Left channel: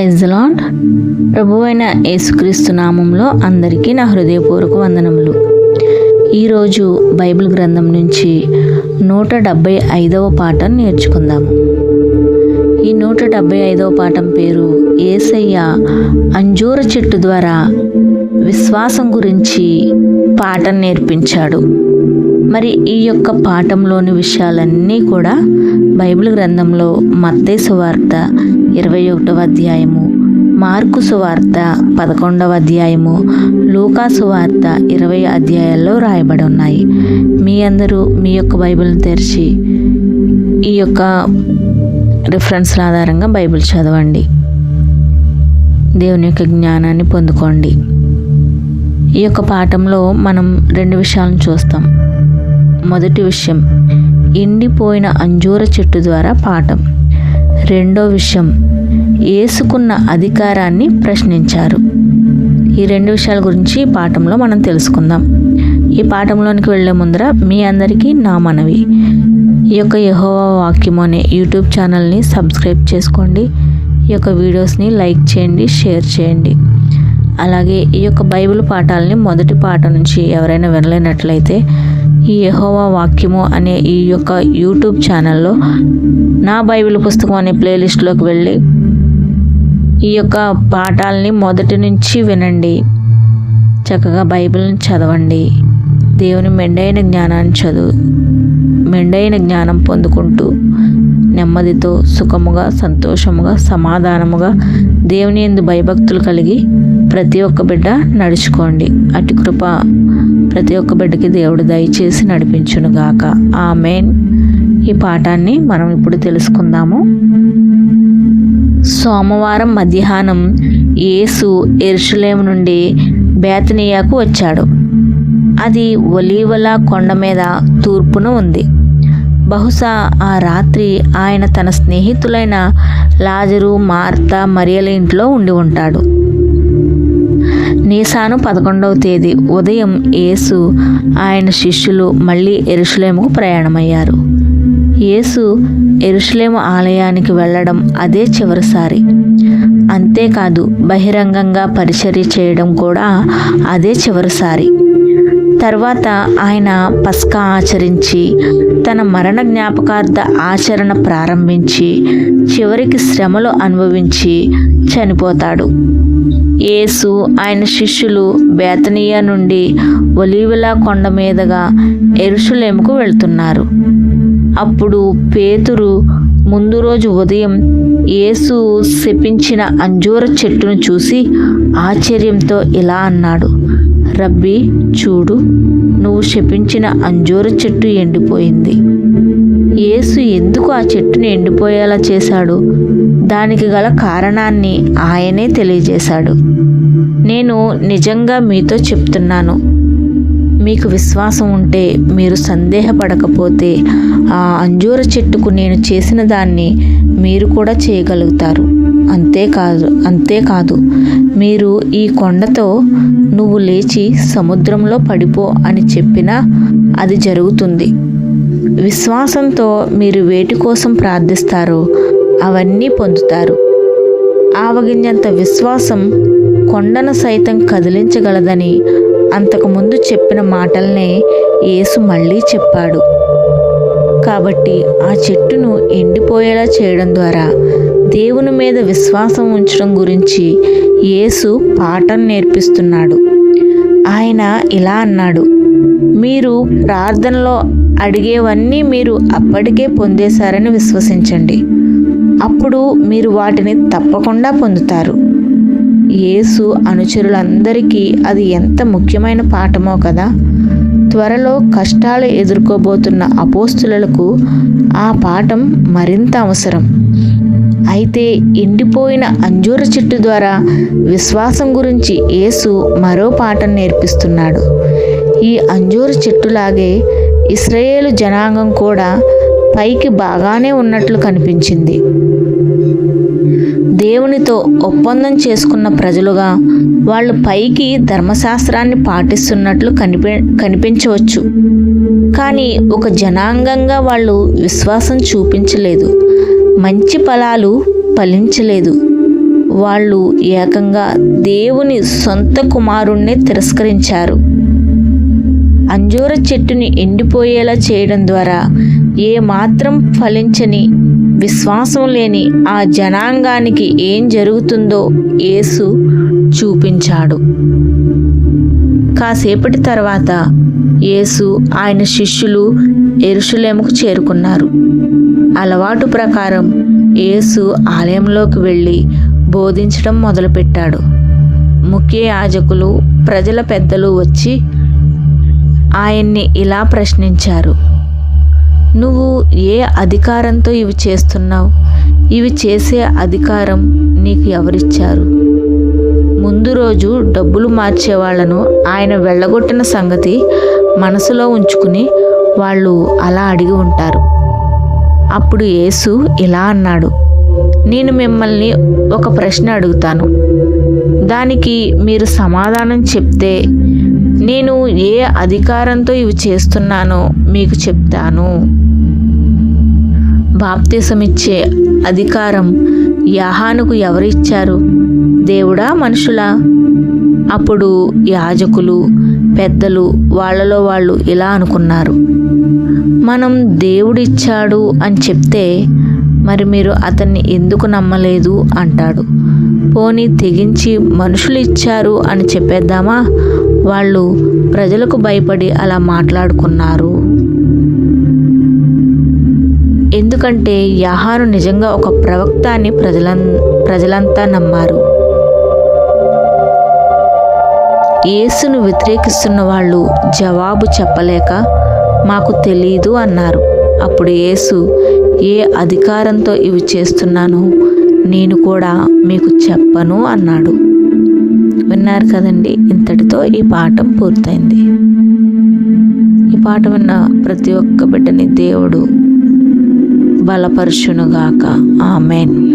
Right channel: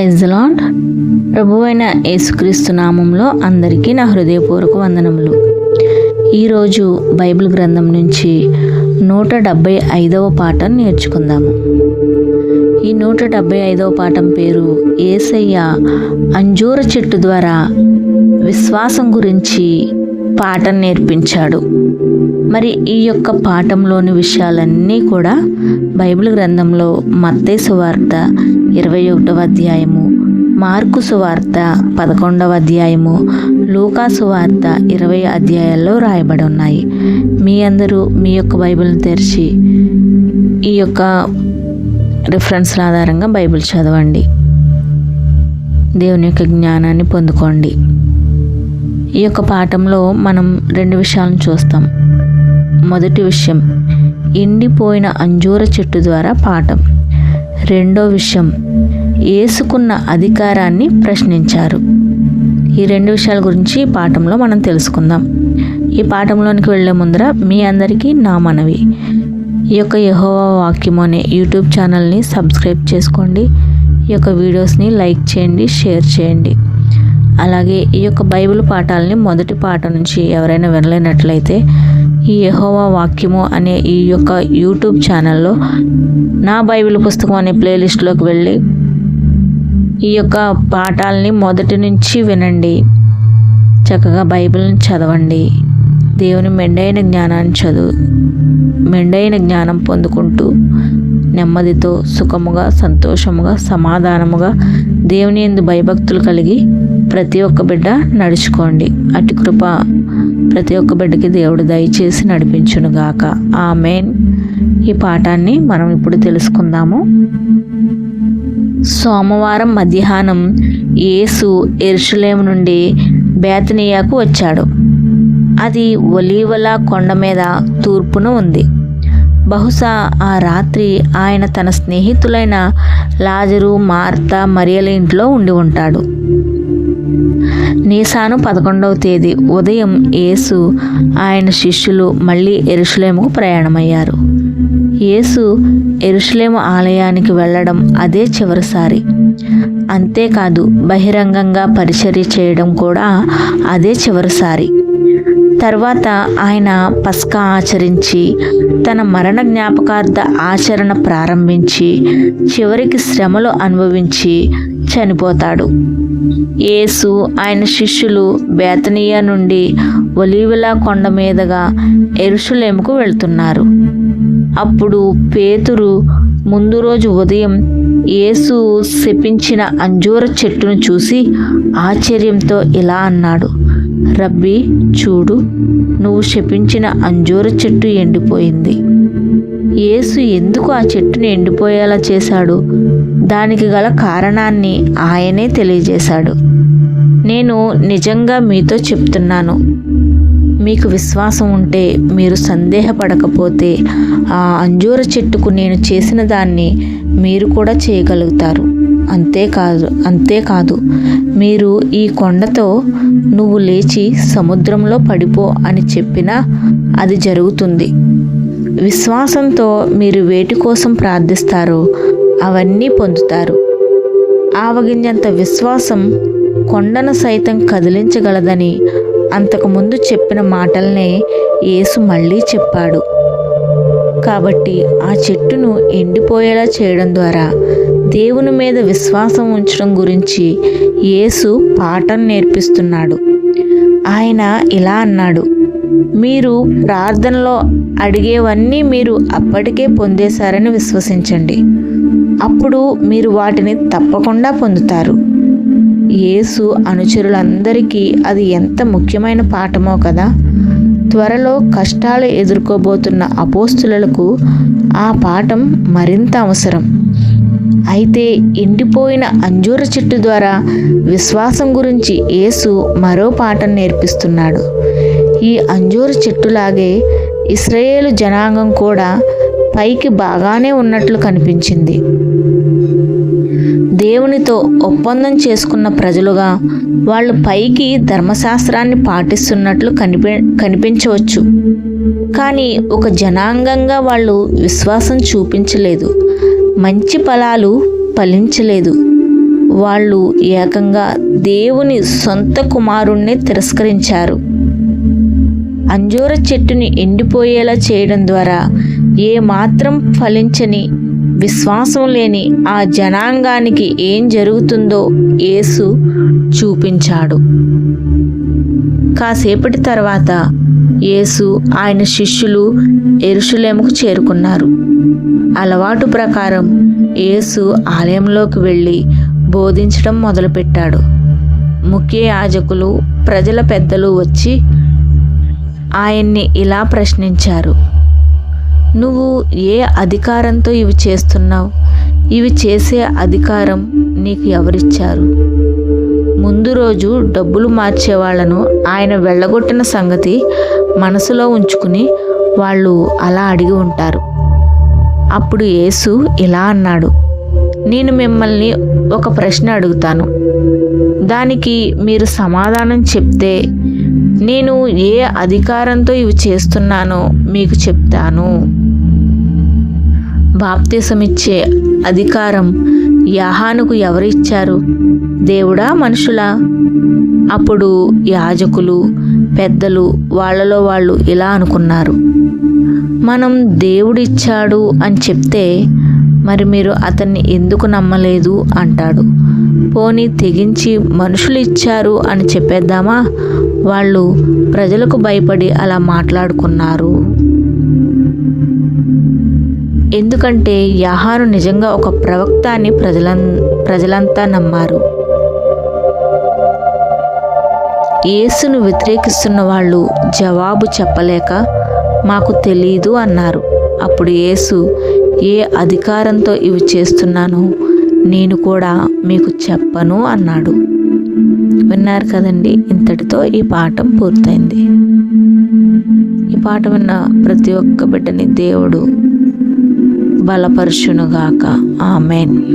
Praise lord ప్రభు అయిన యేసుక్రీస్తు నామంలో అందరికీ నా హృదయపూర్వక వందనములు. ఈరోజు బైబిల్ గ్రంథం నుంచి నూట డెబ్భై ఐదవ పాఠం నేర్చుకుందాము. ఈ నూట డెబ్భై ఐదవ పాఠం పేరు ఏసయ్య అంజూర చెట్టు ద్వారా విశ్వాసం గురించి పాఠం నేర్పించాడు. మరి ఈ యొక్క పాఠంలోని విషయాలన్నీ కూడా బైబిల్ గ్రంథంలో మత్తయి సువార్త ఇరవై ఒకటవ అధ్యాయము మార్కు సువార్త పదకొండవ అధ్యాయము లూకా సువార్త ఇరవై అధ్యాయాల్లో రాయబడి ఉన్నాయి. మీ అందరూ మీ యొక్క బైబిల్ని తెరిచి ఈ యొక్క రిఫరెన్స్ల ఆధారంగా బైబిల్ చదవండి. దేవుని యొక్క జ్ఞానాన్ని పొందుకోండి. ఈ యొక్క పాఠంలో మనం రెండు విషయాలను చూస్తాం. మొదటి విషయం ఎండిపోయిన అంజూర చెట్టు ద్వారా పాఠం. రెండో విషయం ఏసుకున్న అధికారాన్ని ప్రశ్నించారు. ఈ రెండు విషయాల గురించి ఈ పాఠంలో మనం తెలుసుకుందాం. ఈ పాఠంలోనికి వెళ్ళే ముందర మీ అందరికీ నా మనవి. ఈ యొక్క యహోవా వాక్యము అనే యూట్యూబ్ ఛానల్ని సబ్స్క్రైబ్ చేసుకోండి. ఈ యొక్క వీడియోస్ని లైక్ చేయండి షేర్ చేయండి. అలాగే ఈ యొక్క బైబిల్ పాఠాలని మొదటి పాట నుంచి ఎవరైనా వినలేనట్లయితే ఈ యహోవా వాక్యము అనే ఈ యొక్క యూట్యూబ్ ఛానల్లో నా బైబిల్ పుస్తకం అనే ప్లేలిస్ట్లోకి వెళ్ళి ఈ యొక్క పాఠాలని మొదటి నుంచి వినండి. చక్కగా బైబిల్ని చదవండి. దేవుని మెండైన జ్ఞానాన్ని చదువు మెండైన జ్ఞానం పొందుకుంటూ నెమ్మదితో సుఖముగా సంతోషముగా సమాధానముగా దేవుని ఎందు భయభక్తులు కలిగి ప్రతి ఒక్క బిడ్డ నడుచుకోండి. అటు కృప ప్రతి ఒక్క బిడ్డకి దేవుడు దయచేసి నడిపించునుగాక. ఆ మెయిన్ ఈ పాఠాన్ని మనం ఇప్పుడు తెలుసుకుందాము. సోమవారం మధ్యాహ్నం యేసు ఎరుషులేము నుండి బేతనియాకు వచ్చాడు. అది ఒలీవల కొండ మీద తూర్పున ఉంది. బహుశా ఆ రాత్రి ఆయన తన స్నేహితులైన లాజరు మార్త మరియల ఇంట్లో ఉండి ఉంటాడు. నీసాను పదకొండవ తేదీ ఉదయం యేసు ఆయన శిష్యులు మళ్ళీ ఎరుషులేముకు ప్రయాణమయ్యారు. యేసు ఎరుషులేము ఆలయానికి వెళ్ళడం అదే చివరిసారి. అంతేకాదు బహిరంగంగా పరిచర్య చేయడం కూడా అదే చివరిసారి. తర్వాత ఆయన పస్కా ఆచరించి తన మరణ జ్ఞాపకార్థ ఆచరణ ప్రారంభించి చివరికి శ్రమలు అనుభవించి చనిపోతాడు. యేసు ఆయన శిష్యులు బేతనీయ నుండి ఒలీవలా కొండ మీదుగా ఎరుషులేముకు వెళ్తున్నారు. అప్పుడు పేతురు ముందు రోజు ఉదయం యేసు శపించిన అంజూర చెట్టును చూసి ఆశ్చర్యంతో ఇలా అన్నాడు రబ్బీ చూడు నువ్వు శపించిన అంజూర చెట్టు ఎండిపోయింది. యేసు ఎందుకు ఆ చెట్టుని ఎండిపోయేలా చేశాడు? దానికి గల కారణాన్ని ఆయనే తెలియజేశాడు. నేను నిజంగా మీతో చెప్తున్నాను. మీకు విశ్వాసం ఉంటే మీరు సందేహపడకపోతే ఆ అంజూర చెట్టుకు నేను చేసిన దాన్ని మీరు కూడా చేయగలుగుతారు. అంతేకాదు అంతేకాదు మీరు ఈ కొండతో నువ్వు లేచి సముద్రంలో పడిపో అని చెప్పినా అది జరుగుతుంది. విశ్వాసంతో మీరు వేటి కోసం ప్రార్థిస్తారో అవన్నీ పొందుతారు. ఆవగింజంత విశ్వాసం కొండను సైతం కదిలించగలదని అంతకుముందు చెప్పిన మాటలనే యేసు మళ్ళీ చెప్పాడు. కాబట్టి ఆ చెట్టును ఎండిపోయేలా చేయడం ద్వారా దేవుని మీద విశ్వాసం ఉంచడం గురించి యేసు పాఠం నేర్పిస్తున్నాడు. ఆయన ఇలా అన్నాడు మీరు ప్రార్థనలో అడిగేవన్నీ మీరు అప్పటికే పొందేశారని విశ్వసించండి. అప్పుడు మీరు వాటిని తప్పకుండా పొందుతారు. యేసు అనుచరులందరికీ అది ఎంత ముఖ్యమైన పాఠమో కదా. త్వరలో కష్టాలు ఎదుర్కోబోతున్న అపోస్తులకు ఆ పాఠం మరింత అవసరం. అయితే ఎండిపోయిన అంజూర చెట్టు ద్వారా విశ్వాసం గురించి యేసు మరో పాఠం నేర్పిస్తున్నాడు. ఈ అంజూరు చెట్టులాగే ఇస్రాయేలు జనాంగం కూడా పైకి బాగానే ఉన్నట్లు కనిపించింది. దేవునితో ఒప్పందం చేసుకున్న ప్రజలుగా వాళ్ళు పైకి ధర్మశాస్త్రాన్ని పాటిస్తున్నట్లు కనిపి కనిపించవచ్చు. కానీ ఒక జనాంగంగా వాళ్ళు విశ్వాసం చూపించలేదు. మంచి ఫలాలు ఫలించలేదు. వాళ్ళు ఏకంగా దేవుని సొంత కుమారుణ్ణి తిరస్కరించారు. అంజూర చెట్టుని ఎండిపోయేలా చేయడం ద్వారా ఏ మాత్రం ఫలించని విశ్వాసం లేని ఆ జనాంగానికి ఏం జరుగుతుందో యేసు చూపించాడు. కాసేపటి తర్వాత యేసు ఆయన శిష్యులు ఎరుషులేముకు చేరుకున్నారు. అలవాటు ప్రకారం యేసు ఆలయంలోకి వెళ్ళి బోధించడం మొదలుపెట్టాడు. ముఖ్య యాజకులు ప్రజల పెద్దలు వచ్చి ఆయన్ని ఇలా ప్రశ్నించారు. నువ్వు ఏ అధికారంతో ఇవి చేస్తున్నావు? ఇవి చేసే అధికారం నీకు ఎవరిచ్చారు? ముందు రోజు డబ్బులు మార్చే వాళ్ళను ఆయన వెళ్ళగొట్టిన సంగతి మనసులో ఉంచుకుని వాళ్ళు అలా అడిగి ఉంటారు. అప్పుడు యేసు ఇలా అన్నాడు నేను మిమ్మల్ని ఒక ప్రశ్న అడుగుతాను. దానికి మీరు సమాధానం చెప్తే నేను ఏ అధికారంతో ఇవి చేస్తున్నానో మీకు చెప్తాను. బాప్తిసమిచ్చే అధికారం యాహానుకు ఎవరిచ్చారు? దేవుడా మనుషులా? అప్పుడు యాజకులు పెద్దలు వాళ్ళలో వాళ్ళు ఇలా అనుకున్నారు. మనం దేవుడిచ్చాడు అని చెప్తే మరి మీరు అతన్ని ఎందుకు నమ్మలేదు అంటాడు. పోనీ తెగించి మనుషులు ఇచ్చారు అని చెప్పేద్దామా? వాళ్ళు ప్రజలకు భయపడి అలా మాట్లాడుకున్నారు. ఎందుకంటే యాహారు నిజంగా ఒక ప్రవక్త అని ప్రజలం ప్రజలంతా నమ్మారు. యేసును వ్యతిరేకిస్తున్న వాళ్ళు జవాబు చెప్పలేక మాకు తెలీదు అన్నారు. అప్పుడు యేసు ఏ అధికారంతో ఇవి చేస్తున్నానో నేను కూడా మీకు చెప్పను అన్నాడు. విన్నారు కదండి. ఇంతటితో ఈ పాఠం పూర్తయింది. ఈ పాట విన్న ప్రతి ఒక్క బిడ్డని దేవుడు బలపరుచునుగాక. ఆమెన్.